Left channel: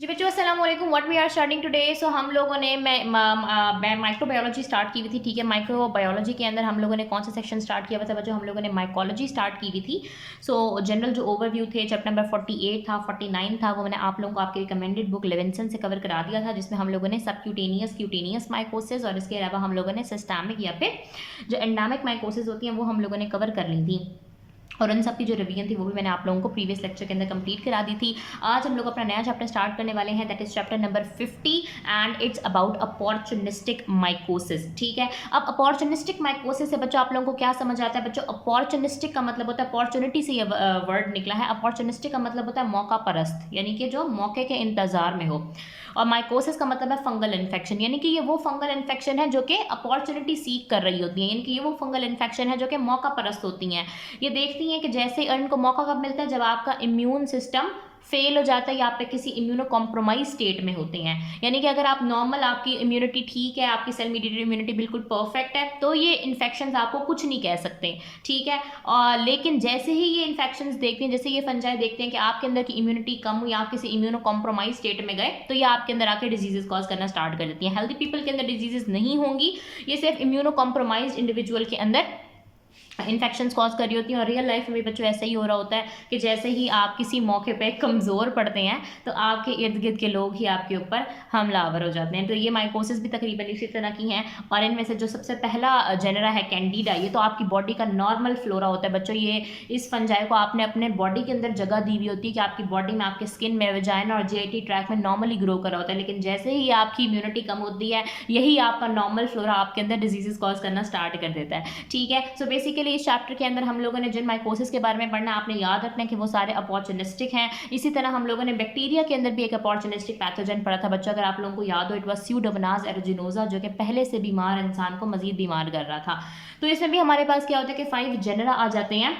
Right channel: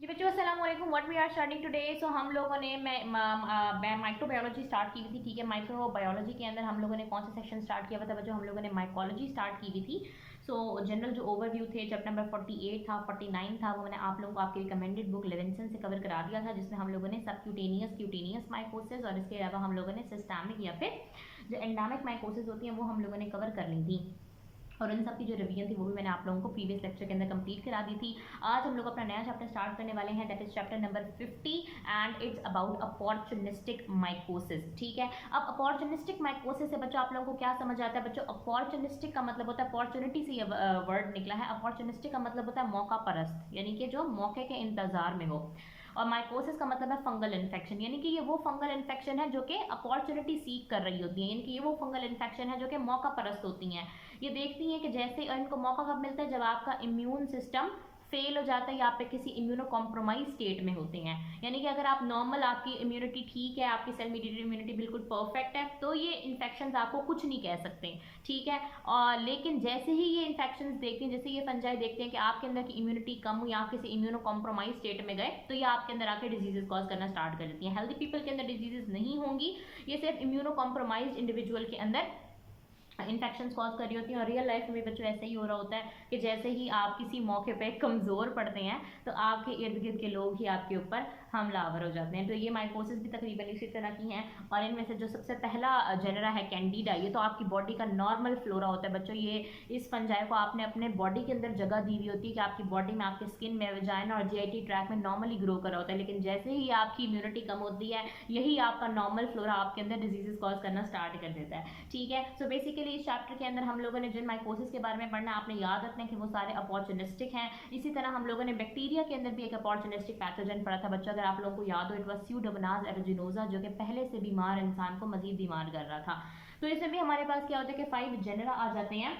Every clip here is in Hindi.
जी बच्चों अस्सलाम वालेकुम। What we are starting today. So हम लोगों ने मैं माइक्रोबायोलॉजी स्टार्ट की हुई थी। ठीक है, माइक्रोबायोलॉजी के अंदर हम लोगों ने कौन सा सेक्शन स्टार्ट किया हुआ था बच्चों? हम लोगों ने माइकोलॉजी स्टार्ट की हुई थी। सो जनरल जो ओवरव्यू थे, चैप्टर नंबर 48 था, 49 था, वो मैंने आप लोगों को आपकी रिकमेंडेड बुक लेविंसन से कवर करा दिया था, जिसमें हम लोगों ने सबक्यूटेनियस क्यूटेनियस माइकोसिस और इसके अलावा हम लोगों ने सिस्टैमिक या फिर जो एंडामिक माइकोसिस होती हैं वो हम लोगों ने कवर कर ली थी। और उन सब की जो रिवीजन थी वो भी मैंने आप लोगों को प्रीवियस लेक्चर के अंदर कंप्लीट करा दी थी। आज हम लोग अपना नया चैप्टर स्टार्ट करने वाले हैं, that is chapter number 50 and it's about opportunistic mycosis. ठीक है, अब अपॉर्चुनिस्टिक माइकोसिस से बच्चों आप लोगों को क्या समझ आता है? बच्चों अपॉर्चुनिस्टिक का मतलब होता है, अपॉर्चुनिटी से ये वर्ड निकला है। अपॉर्चुनिस्टिक का मतलब होता है मौका परस्त, यानी कि जो मौके के इंतजार में हो। और माइकोसिस का मतलब है फंगल इन्फेक्शन, यानी कि ये वो फंगल इन्फेक्शन है जो कि अपॉर्चुनिटी सीक कर रही होती है, यानी कि ये वो फंगल इन्फेक्शन है जो कि मौका परस्त होती हैं। ये देखती हैं कि जैसे इनको मौका कब मिलता है, जब आपका इम्यून सिस्टम फेल हो जाता है या आप किसी इम्यूनो कॉम्प्रोमाइज स्टेट में होते हैं। यानी कि अगर आप नॉर्मल, आपकी इम्यूनिटी ठीक है, आपकी सेल मीडिएटेड इम्यूनिटी बिल्कुल परफेक्ट है, तो ये इन्फेक्शन आपको कुछ नहीं कह सकते। ठीक है, और लेकिन जैसे ही ये इन्फेक्शन देखते हैं, जैसे ये फंजाई देखते हैं कि आपके अंदर की इम्यूनिटी कम हुई, आप किसी इम्यूनो कॉम्प्रोमाइज स्टेट में गए, तो ये आपके अंदर आके डिजीजेस कॉज करना स्टार्ट कर देती हैं। हेल्दी पीपल के अंदर डिजीजेस नहीं होंगी, ये सिर्फ इम्यूनो कॉम्प्रोमाइज इंडिविजुअल के अंदर इन्फेक्शंस कॉज कर रही होती हैं। और रियल लाइफ में बच्चों ऐसा ही हो रहा होता है कि जैसे ही आप किसी मौके पे कमज़ोर पड़ते हैं तो आपके इर्द गिर्द के लोग ही आपके ऊपर हमलावर हो जाते हैं। तो ये माइकोसिस भी तकरीबन इसी तरह की हैं। और इनमें से जो सबसे पहला जेनरा है कैंडिडा, ये तो आपकी बॉडी का नॉर्मल फ्लोरा होता है बच्चों। ये इस फंजाई को आपने अपने बॉडी के अंदर जगह दी हुई होती है कि आपकी बॉडी में, आपके स्किन में, वेजाइना और जीआईटी ट्रैक में नॉर्मली ग्रो कर रहा होता है। लेकिन जैसे ही आपकी इम्यूनिटी कम होती है, यही आपका नॉर्मल फ्लोरा आपके अंदर डिजीजेस कॉज करना स्टार्ट कर देता है। ठीक है, सो बेसिकली इस चैप्टर के अंदर हम लोगों ने जिन माइकोसिस के बारे में पढ़ना, आपने याद रखना है कि वो सारे अपॉर्चुनिस्टिक हैं। इसी तरह हम लोगों ने बैक्टीरिया के अंदर भी एक अपॉर्चुनिस्टिक पैथोजन पढ़ा था बच्चों, अगर आप लोगों को याद हो, इट वाज स्यूडोमोनास एरोजिनोसा, जो कि पहले से बीमार इंसान को मजीद बीमार कर रहा था। तो इसमें भी हमारे पास क्या होता है कि 5 जेनरा आ जाते हैं।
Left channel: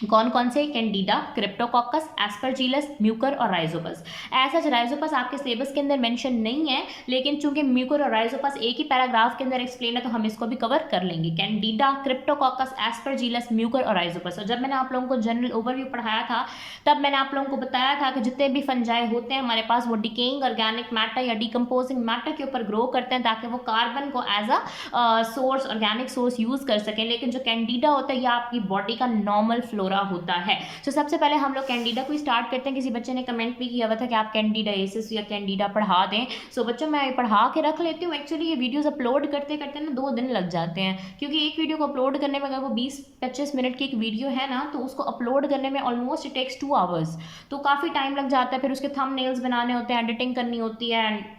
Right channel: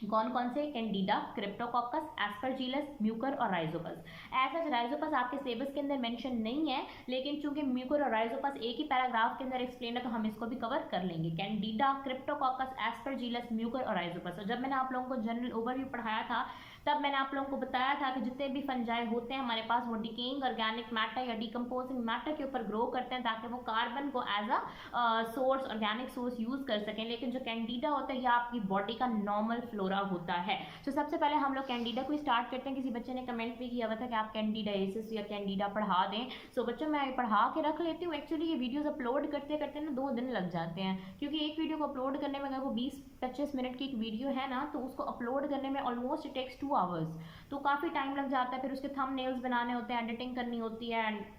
कौन कौन से? कैंडिडा, क्रिप्टोकोकस, एस्परजिलस, म्यूकर और राइजोपस। ऐसा राइजोपस आपके सिलेबस के अंदर मेंशन नहीं है, लेकिन चूंकि म्यूकर और राइजोपस एक ही पैराग्राफ के अंदर एक्सप्लेन है तो हम इसको भी कवर कर लेंगे। कैंडिडा, क्रिप्टोकोकस, एस्परजिलस, म्यूकर और राइजोपस। और जब मैंने आप लोगों को जनरल ओवरव्यू पढ़ाया था, तब मैंने आप लोगों को बताया था कि जितने भी फंजाई होते हैं हमारे पास, वो डिकेइंग ऑर्गेनिक मैटर या डिकम्पोजिंग मैटर के ऊपर ग्रो करते हैं ताकि वो कार्बन को as a source, organic source use कर सकें। लेकिन जो कैंडिडा होता है, ये आपकी बॉडी का नॉर्मल फ्लोरा होता है। तो सबसे पहले हम लोग कैंडिडा को स्टार्ट करते हैं। किसी बच्चे ने कमेंट भी किया हुआ था कि आप कैंडिडाइसिस या कैंडिडा पढ़ा दें। सो बच्चों, मैं पढ़ा के रख लेती हूँ। एक्चुअली ये वीडियोस अपलोड करते करते ना 2 दिन लग जाते हैं, क्योंकि एक वीडियो को अपलोड करने में, अगर वो 20-25 मिनट की एक वीडियो है ना, तो उसको अपलोड करने में ऑलमोस्ट इट टेक्स 2 आवर्स। तो काफ़ी टाइम लग जाता है। फिर उसके थंबनेल्स बनाने होते हैं, एडिटिंग करनी होती है,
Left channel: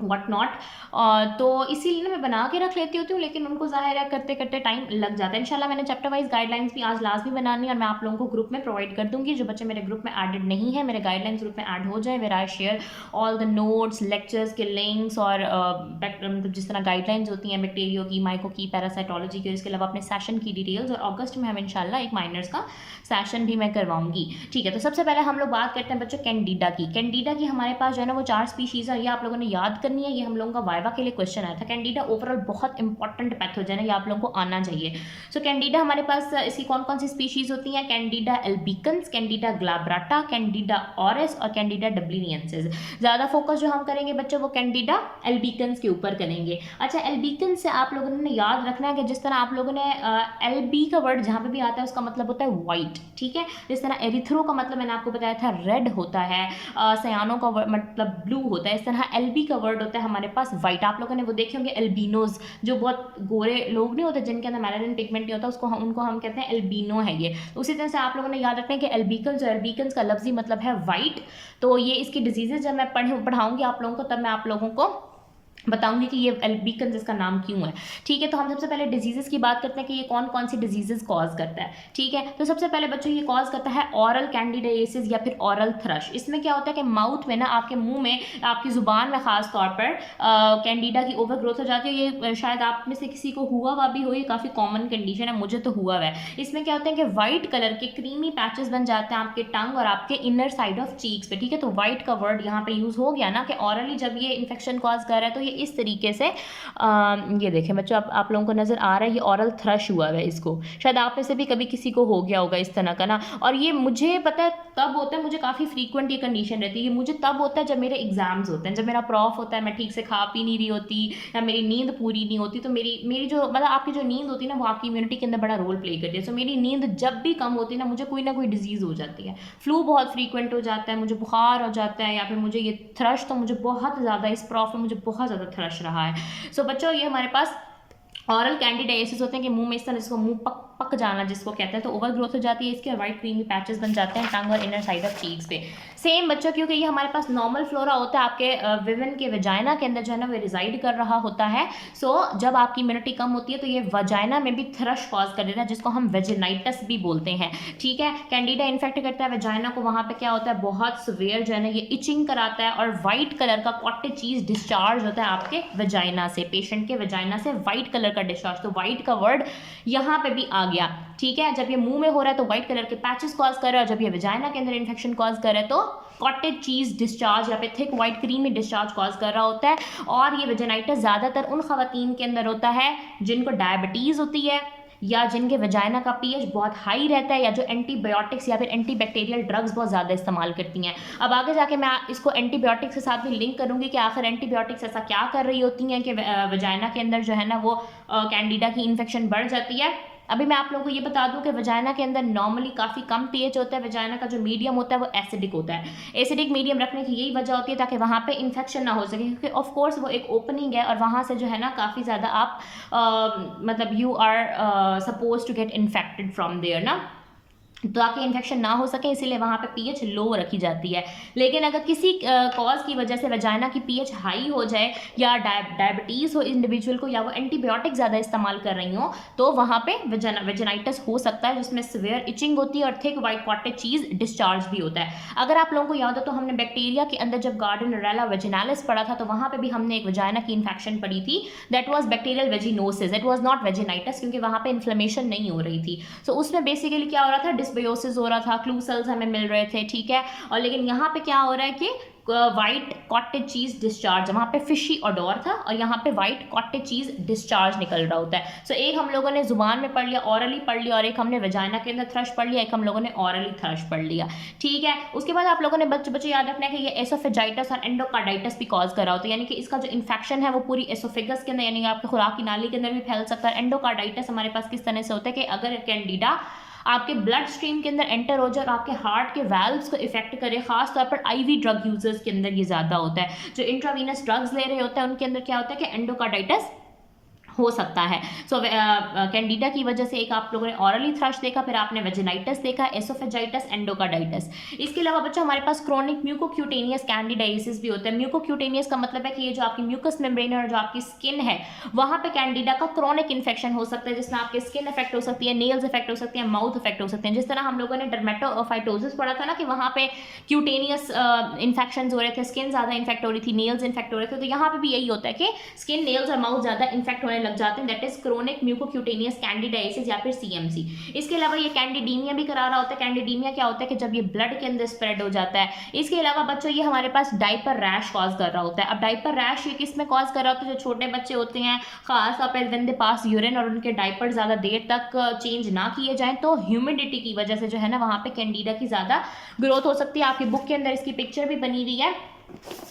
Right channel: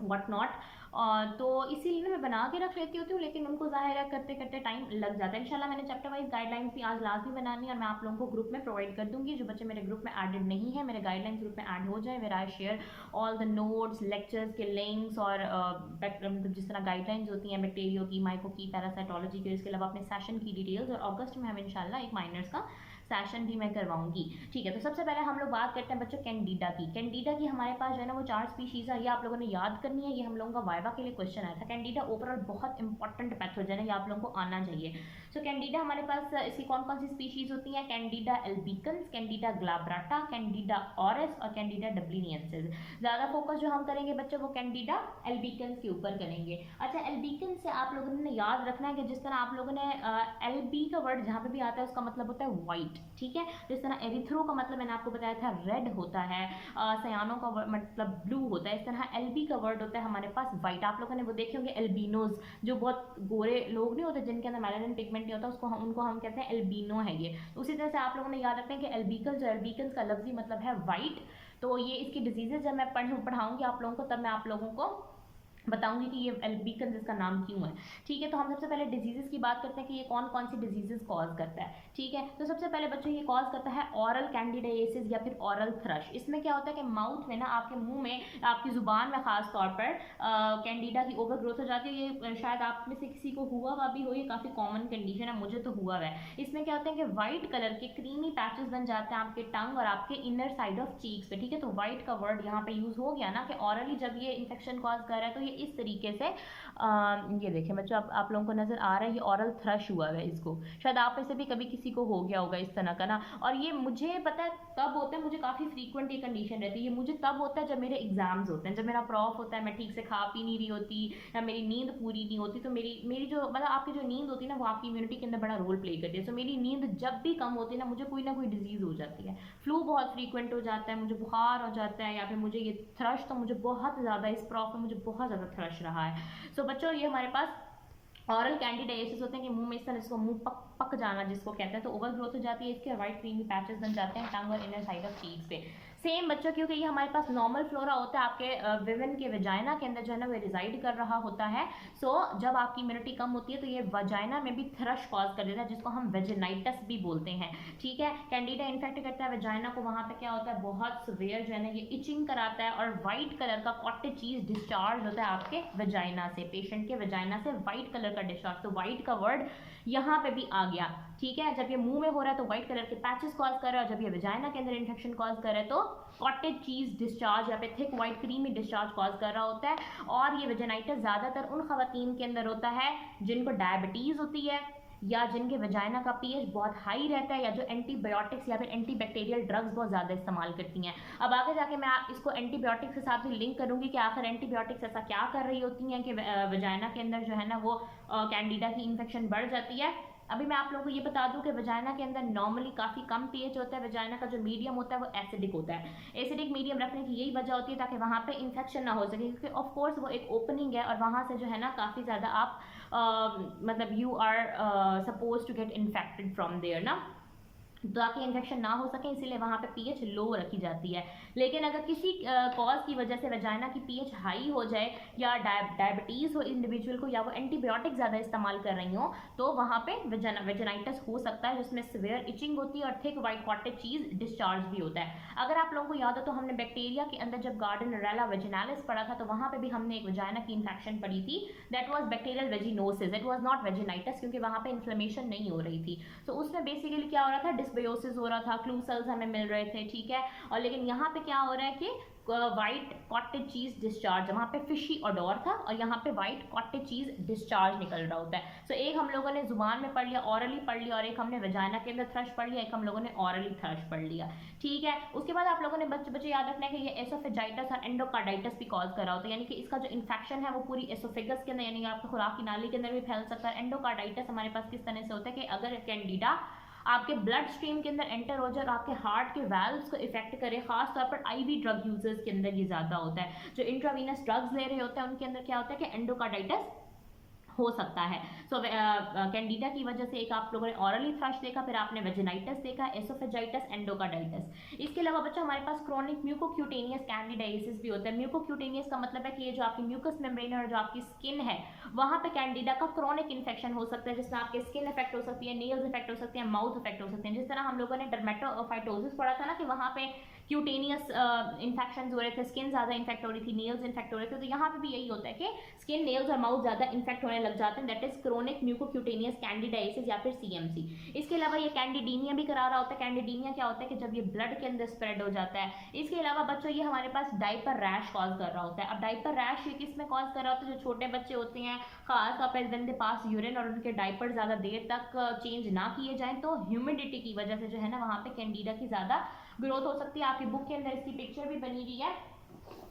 वट नॉट। तो इसीलिए ना मैं बना के रख लेती होती हूँ, लेकिन उनको ज़ाहिर है करते करते टाइम लग जाता है। इंशाल्लाह मैंने चैप्टर वाइज गाइडलाइंस भी आज लाजमी बनानी है और मैं आप लोगों को ग्रुप में प्रोवाइड कर दूंगी। जो बच्चे मेरे ग्रुप में एडेड नहीं है, मेरे गाइडलाइंस ग्रुप में ऐड हो जाए, where I share all the notes, lectures के लिंक्स और मतलब जिस तरह गाइडलाइंस होती हैं बैक्टीरियो की, माइको की, पैरासाइटोलॉजी की, इसके अलावा अपने सेशन की डिटेल्स। और अगस्त में हम इंशाल्लाह एक माइनर्स का सेशन भी मैं करवाऊंगी। ठीक है, तो सबसे पहले हम लोग बात करते हैं बच्चों कैंडिडा की। कैंडिडा की हमारे पास जो है ना वो 4 स्पीशीज़ है, ये आप लोगों ने याद करनी है। ये हम लोगों का वाइवा के लिए क्वेश्चन आया था। कैंडिडा ओवरऑल बहुत इंपॉर्टेंट पैथोजन है, ये आप लोगों को आना चाहिए। सो कैंडिडा हमारे पास इसकी कौन कौन सी स्पीशीज़ होती हैं? Candida albicans, Candida glabrata, Candida auris और कैंडिडा डब्लिनियंसिस। ज़्यादा फोकस जो हम करेंगे बच्चों वो कैंडिडा एल्बिकन्स के ऊपर करेंगे। अच्छा, एल्बिकन्स से आप लोगों ने याद रखना है कि जिस तरह आप लोगों ने एलबी का वर्ड जहाँ पे भी आता है उसका मतलब होता है वाइट। ठीक है, जिस तरह एरिथ्रो का मतलब मैंने आपको बताया था रेड होता है, सयानो का मतलब ब्लू होता है, इस तरह एलबी का वर्ड होता है हमारे पास वाइट। आप लोगों ने वो देखे होंगे एल्बिनोज, जो बहुत गोरे लोग नहीं होते जिनके अंदर मेलानिन पिगमेंट नहीं होता, उनको हम कहते हैं एल्बिनो है ये। तो उसी तरह से आप लोगों ने याद रखना है कि एल्बिकन्स और एल्बिकन्स का लफ्जी मतलब है वाइट। तो ये इसकी डिजीजेज जब मैं पढ़ाऊंगी आप लोगों को, तब मैं आप लोगों को बताऊंगी कि ये एल्बिकन्स इसका नाम क्यों है। ठीक है, तो हम सबसे पहले डिजीजेस की बात करते हैं कि ये कौन कौन सी डिजीजेस कॉज करता है। ठीक है, तो सबसे पहले बच्चों ये कॉज करता है ऑरल कैंडिडाइसिस या फिर ऑरल थ्रश। इसमें क्या होता है कि माउथ में ना, आपके मुंह में, आपकी जुबान में खास तौर पर कैंडिडा की ओवर ग्रोथ हो जाती है। ये शायद आप में से किसी को हुआ हुआ भी हो, ये काफ़ी कॉमन कंडीशन है, मुझे तो हुआ हुआ है। इसमें क्या होता है कि व्हाइट कलर के क्रीमी पैचेस बन जाते हैं आपके टंग और आपके इनर साइड ऑफ चीक्स पे। ठीक है, तो व्हाइट का वर्ड यहाँ पे यूज हो गया ना कि ऑरली जब ये इन्फेक्शन कॉज कर रहा है तो ये इस तरीके से ये देखें बच्चों, आप लोगों को नज़र आ रहा है, ये ऑरल थ्रश हुआ है इसको, शायद आप में से भी कभी किसी को हो गया होगा इस तरह का ना। और ये मुझे पता है तब होता है, मुझे काफ़ी फ्रीक्वेंट ये कंडीशन रहती है, ये मुझे तब होता है जब मेरे एग्जाम्स होते हैं, जब मेरा प्रॉफ होता है, मैं ठीक से खा पी नहीं रही होती या मेरी नींद पूरी नहीं होती, तो मेरी जो मतलब आपकी जो नींद होती है ना, वो आपकी इम्यूनिटी के अंदर बड़ा रोल प्ले करती है। सो मेरी नींद जब भी कम होती है ना कोई डिजीज़ हो जाती है, फ्लू बहुत फ्रीक्वेंट हो जाता है, मुझे बुखार हो जाता है, या फिर मुझे ये थ्रश, तो मुझे बहुत ज़्यादा इस प्रॉफ में मुझे बहुत ज़्यादा थ्रश रहा है। सो बच्चों, ये हमारे पास ऑरल कैंडिडाइसिस होते हैं कि मुंह में इस तरह जिसको मुंह पक जाना जिसको कहते हैं, तो ओवर ग्रोथ हो जाती है इसके, वाइट क्रीमी पैचेस बन जाते हैं टंग और इनर साइड ऑफ चीक्स पे। सेम बच्चों, क्योंकि ये हमारे पास नॉर्मल फ्लोरा होता है, आपके विमेन के वजाइना के अंदर जो है ना वो रिजाइड कर रहा होता है। सो जब आपकी इम्यूनिटी कम होती है तो ये वजाइना में भी थ्रश कॉज कर देता है, जिसको हम वेजिनाइटिस भी बोलते हैं। ठीक है, कैंडिडा इन्फेक्ट करता है वजाइना को, वहाँ पे क्या होता है, बहुत सिवियर जो है ना ये इचिंग कराता है, और वाइट कलर का कॉटेज चीज डिस्चार्ज होता है आपके वजाइना से, पेशेंट के वजाइना से वाइट कलर का डिस्चार्ज। तो वाइट का वर्ड यहाँ पे भी आ गया। ठीक है, जब ये मुंह में हो रहा है तो व्हाइट कलर के पैचेस कॉज कर रहा है, और जब ये वजाइना के अंदर इन्फेक्शन कॉज कर रहा है तो कॉटेज चीज डिस्चार्ज या फिर thick white creamy discharge cause कर रहा होता है। और ये वेजाइनाइटिस ज़्यादातर उन खवातीन के अंदर होता है जिनको डायबिटीज़ होती है, या जिनके वजाइना का पीएच बहुत हाई रहता है, या जो एंटीबायोटिक्स या फिर एंटीबैक्टीरियल ड्रग्स बहुत ज़्यादा इस्तेमाल करती हैं। अब आगे जाके मैं इसको एंटीबायोटिक्स के साथ भी लिंक करूँगी कि आखिर एंटीबायोटिक्स ऐसा क्या कर रही होती हैं कि वजाइना के अंदर जो है ना वो कैंडिडा की इन्फेक्शन बढ़ जाती है। अभी मैं आप लोगों को ये बता दूं कि वजाइना के अंदर नॉर्मली काफ़ी कम पीएच होता है, वजाइना का जो मीडियम होता है वो एसिडिक होता है। एसिडिक मीडियम रखने की यही वजह होती है ताकि वहाँ पे इन्फेक्शन ना हो सके, क्योंकि ऑफ कोर्स वो एक ओपनिंग है और वहाँ से जो है ना काफ़ी ज़्यादा आप मतलब you are suppose to get infected from there ना, ताकि इन्फेक्शन ना हो सके, इसीलिए वहाँ पे पीएच लो रखी जाती है। लेकिन अगर किसी कॉज की वजह से वजाइना की पीएच हाई हो जाए, या डायबिटीज़ हो इंडिविजुअल को, या वो एंटीबायोटिक ज़्यादा इस्तेमाल कर रही हो, तो वहाँ पे वेजिनाइटिस हो सकता है, जिसमें सिवियर इचिंग होती है और थिक वाइट कॉटेज चीज़ डिस्चार्ज भी होता है। अगर आप लोगों को याद हो तो हमने बैक्टीरिया के अंदर जब गार्डनेरेला वेजिनालिस पढ़ा था, तो वहाँ पर भी हमने एक वजाइना की इन्फेक्शन पढ़ी थी, that was bacterial vaginosis, it was not vaginitis, क्योंकि वहाँ पर इन्फ्लेमेशन नहीं हो रही थी। सो उसमें बेसिकली क्या हो रहा था, डिस्बायोसिस हो रहा था, क्लू सेल्स हमें मिल रहे थे। ठीक है, और लेकिन यहाँ पे क्या हो रहा है कि वाइट कॉटेज चीज डिस्चार्ज, वहाँ पे फिशी ऑडोर था और यहाँ पे वाइट कॉटेज चीज डिस्चार्ज निकल रहा होता है। सो एक हम लोगों ने जुबान में पढ़ लिया, ऑरली पढ़ लिया, और एक हमने वजाइना के अंदर थ्रश पढ़ लिया, एक हम लोगों ने ऑरली थ्रश पढ़ लिया। ठीक है, उसके बाद आप लोगों ने बच्चे याद रखना है कि ये एसोफेजाइटिस और एंडोकार्डाइटिस भी कॉज कर रहा होता है, यानी कि इसका जो इन्फेक्शन है वो पूरी एसोफेगस के अंदर यानी आपके खुराक की नाली के अंदर भी फैल सकता है। एंडोकार्डाइटिस हमारे पास किस तरह से होता है कि अगर कैंडिडा आपके ब्लड स्ट्रीम के अंदर एंटर हो जाए और आपके हार्ट के वैल्व्स को इफेक्ट करे, खास तौर पर आईवी ड्रग यूजर्स के अंदर ये ज़्यादा होता है। जो इंट्रावीनस ड्रग्स ले रहे होते हैं उनके अंदर क्या होता है कि एंडोकार्डाइटिस हो सकता है। सो कैंडिडा की वजह से एक आप लोगों ने ऑरली थ्रश देखा, फिर आपने वेजिनाइटिस देखा, एसोफेजाइटिस, एंडोकार्डाइटिस। इसके अलावा बच्चों हमारे पास क्रोनिक म्यूकोक्यूटेनियस कैंडिडाइसिस भी होता है। म्यूकोक्यूटेनियस का मतलब है कि ये जो आपकी म्यूकस मेम्ब्रेन और जो आपकी स्किन है वहाँ पे कैंडिडा का क्रोनिक इन्फेक्शन हो सकता है, जिसमें आपकी स्किन इफेक्ट हो सकती है, नेल्स इफेक्ट हो सकते हैं, माउथ इफेक्ट हो सकते हैं। जिस तरह हम लोगों ने डर्मेटोफाइटोसिस पढ़ा था ना कि वहाँ पे क्यूटेनियस इन्फेक्शन हो रहे थे, स्किन ज़्यादा इन्फेक्ट हो रही थी, नेल्स इन्फेक्ट हो रहे थे, तो यहाँ पे भी यही होता है कि स्किन, नेल्स और माउथ ज़्यादा इन्फेक्ट होने लग जाते हैं, that is chronic mucocutaneous candidiasis या फिर सीएमसी। इसके अलावा ये कैंडिडीमिया भी करा रहा होता है। कैंडिडीमिया क्या होता है कि जब ये ब्लड के अंदर स्प्रेड हो जाता है। इसके अलावा बच्चों ये हमारे पास डायपर रैश कॉज कर रहा होता है। अब डायपर रैश ये किस में कॉज कर रहा होता है, जो छोटे बच्चे होते हैं खास तौर पर व्हेन दे पास यूरिन और उनके डायपर ज़्यादा देर तक चेंज ना किए जाएं, तो ह्यूमिडिटी की वजह से जो है ना वहाँ पे कैंडिडा की ज़्यादा ग्रोथ हो सकती है। आपकी बुक के अंदर इसकी पिक्चर भी बनी हुई है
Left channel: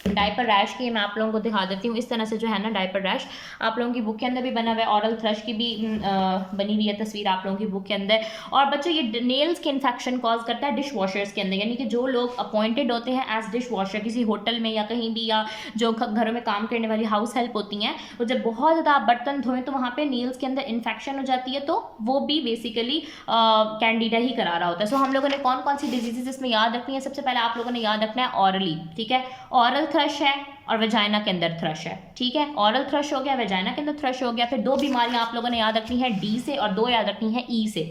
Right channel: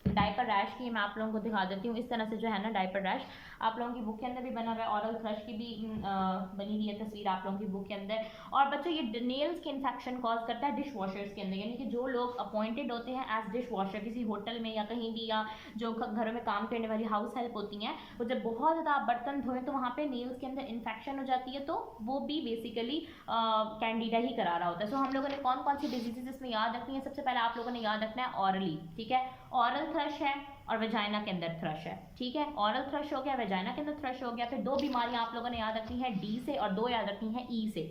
डायपर रैश की, मैं आप लोगों को दिखा देती हूँ। इस तरह से जो है ना डायपर रैश आप लोगों की बुक के अंदर भी बना हुआ है, ऑरल थ्रश की भी बनी हुई है तस्वीर आप लोगों की बुक के अंदर। और बच्चों ये नेल्स के इन्फेक्शन कॉज करता है डिश वॉशर्स के अंदर, यानी कि जो लोग अपॉइंटेड होते हैं एज डिश वॉशर किसी होटल में या कहीं भी, या जो घरों में काम करने वाली हाउस हेल्प होती हैं, वो जब बहुत ज़्यादा आप बर्तन धोएं तो वहाँ पर नेल्स के अंदर इन्फेक्शन हो जाती है, तो वो भी बेसिकली कैंडिडा ही करा रहा होता है। सो हम लोगों ने कौन कौन सी डिजीजेज इसमें याद रखनी है, सबसे पहले आप लोगों ने याद रखना है ऑरली। ठीक है, ऑरल थ्रश है और वेजाइना के अंदर थ्रश है। ठीक है, ऑरल थ्रश हो गया, वेजाइना के अंदर थ्रश हो गया। फिर दो बीमारियां आप लोगों ने याद रखनी है डी से, और दो याद रखनी है ई से,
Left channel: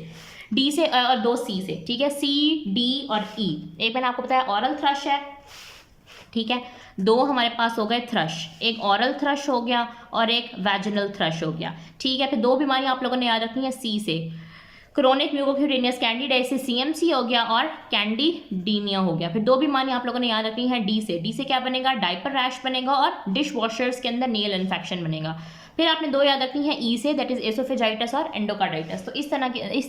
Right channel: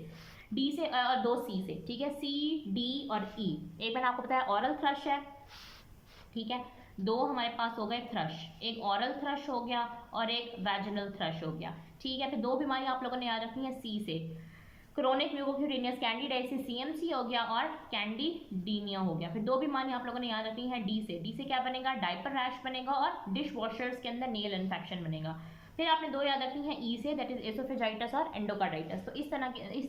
डी से और दो सी से। ठीक है, सी, डी और ई। एक मैंने आपको बताया ऑरल थ्रश है। ठीक है, दो हमारे पास हो गए थ्रश, एक ऑरल थ्रश हो गया और एक वैजिनल थ्रश हो गया। ठीक है, फिर दो बीमारियां आप लोगों ने याद रखनी है सी से, क्रोनिक म्यूकोक्यूटेनियस कैंडिडाइसिस CMC हो गया और कैंडिडीमिया हो गया। फिर 2 बीमारी आप लोगों ने याद रखनी है डी से क्या बनेगा, डायपर रैश बनेगा और डिश वॉशर्स के अंदर नेल इन्फेक्शन बनेगा। फिर आपने 2 याद रखनी है ई से, दैट इज एसोफेजाइटिस और एंडोकार्डाइटिस। तो इस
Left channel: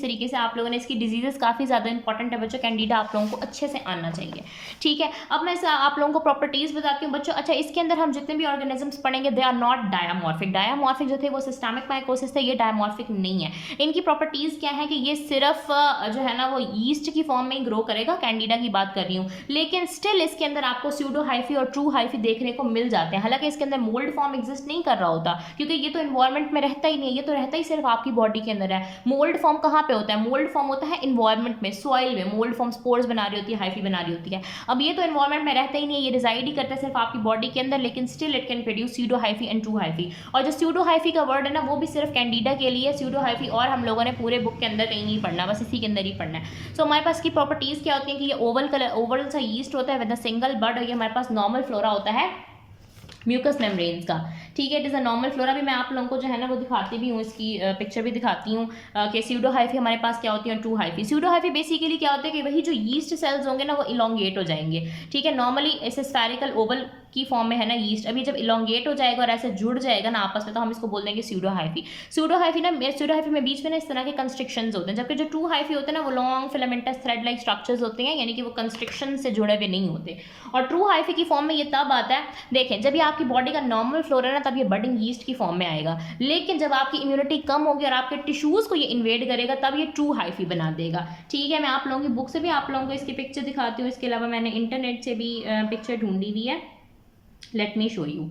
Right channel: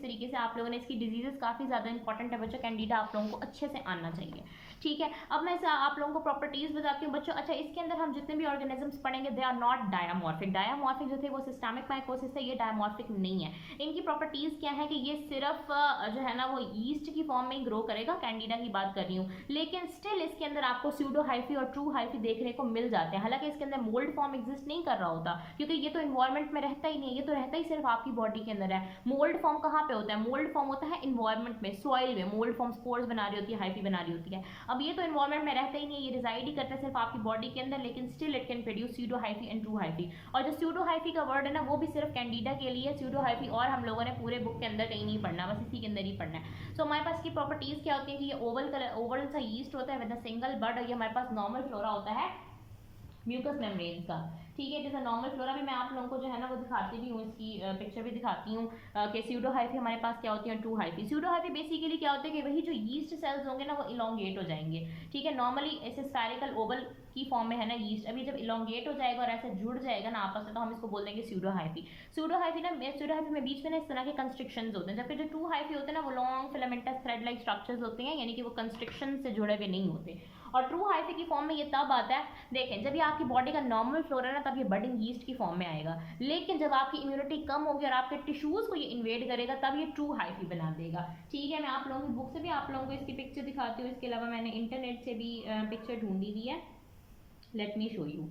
तरीके से आप लोगों ने इसकी डिजीजेस काफ़ी ज़्यादा इंपॉर्टेंट है बच्चों, कैंडिडा आप लोगों को अच्छे से आना चाहिए। ठीक है, अब मैं आप लोगों को प्रॉपर्टीज़ बताती हूँ बच्चों। अच्छा, इसके अंदर हम जितने भी ऑर्गेनिजम्स पढ़ेंगे दे आर नॉट डायामॉर्फिक। डायामॉर्फिक जो थे वो सिस्टमिक माइकोसिस थे, ये डायामॉर्फिक नहीं है। इनकी प्रॉपर्टीज़ क्या है कि ये सिर्फ जो है ना वो ईस्ट की फॉर्म में ही ग्रो करेगा, कैंडिडा की बात कर रही हूँ, लेकिन स्टिल इसके अंदर आपको स्यूडो हाइफी और ट्रू हाइफी देखने को मिल जाते हैं। हालांकि इसके अंदर मोल्ड फॉर्म एग्जिस्ट नहीं कर रहा होता, क्योंकि ये तो इन्वायरमेंट में रहता ही नहीं है, ये तो रहता ही सिर्फ आपकी बॉडी के अंदर है। मोल्ड फॉर्म कहाँ पे होता है, मोल्ड फॉर्म होता है इन्वायरमेंट में, सॉइल में। मोल्ड फॉर्म स्पोर्स बना रही होती है, हाइफी बना रही होती है। अब ये तो इन्वायरमेंट में रहता ही नहीं है, ये रिजाइड ही करता है सिर्फ आपकी बॉडी के अंदर, लेकिन still it can produce pseudo hyphae and true hyphae. और जो स्यूडो हाइफी का वर्ड है ना वो भी सिर्फ कैंडिडा के लिए, स्यूडो हाइफी और हम लोगों ने पूरे बुक के अंदर कहीं नहीं पढ़ना, बस इसी के अंदर ही पढ़ना है। सो हमारे पास की प्रॉपर्टीज क्या होती है कि ये ओवल सा यीस्ट होता है विद अ सिंगल बड, और ये हमारे पास नॉर्मल फ्लोरा होता है म्यूकस मेम्ब्रेन्स का। ठीक है, it is a normal flora. भी मैं आप लोगों को जो है ना वो दिखाती भी हूँ, इसकी पिक्चर भी दिखाती हूँ कि स्यूडो हाइफी हमारे पास क्या होती है और true hyphae. Pseudo hyphae basically क्या होता है कि वही जो यीस्ट सेल्स होंगे ना वो इलोंगेट हो जाएंगे। ठीक है, नॉर्मली ऐसे स्फेरिकल ओवल की फॉर्म में है ना यीस्ट, अभी जब इलोंगेट हो जाएगा और ऐसे जुड़ जाएगा ना आपस में, तो हम इसको बोल देंगे स्यूडो हाइफी। स्यूडो हाइफी में बीच में ना इस तरह के कंस्ट्रिक्शंस होते हैं, जबकि जो ट्रू हाइफी होते हैं ना वो long filamentous thread like structures होते हैं, यानी कि वो कंस्ट्रिक्शन से जुड़े हुए नहीं होते। और ट्रू हाइफी की फॉर्म में ये तब आता है, देखें, जब ये आपकी बॉडी का नॉर्मल फ्लोरा है ना तब ये बडिंग यीस्ट की फॉर्म में आएगा, लेकिन जब आपकी इम्यूनिटी कम होगी और आपके टिश्यूज को ये इन्वेड करेगा तब ये ट्रू हाइफी बना देगा। ठीक है, मैं आप लोगों की बुक से भी आप लोगों को इसकी पिक्चर दिखाती हूँ, इसके अलावा मैंने इंटरनेट से भी पिक्चर ढूंढी हुई है, लेट मी शो यू।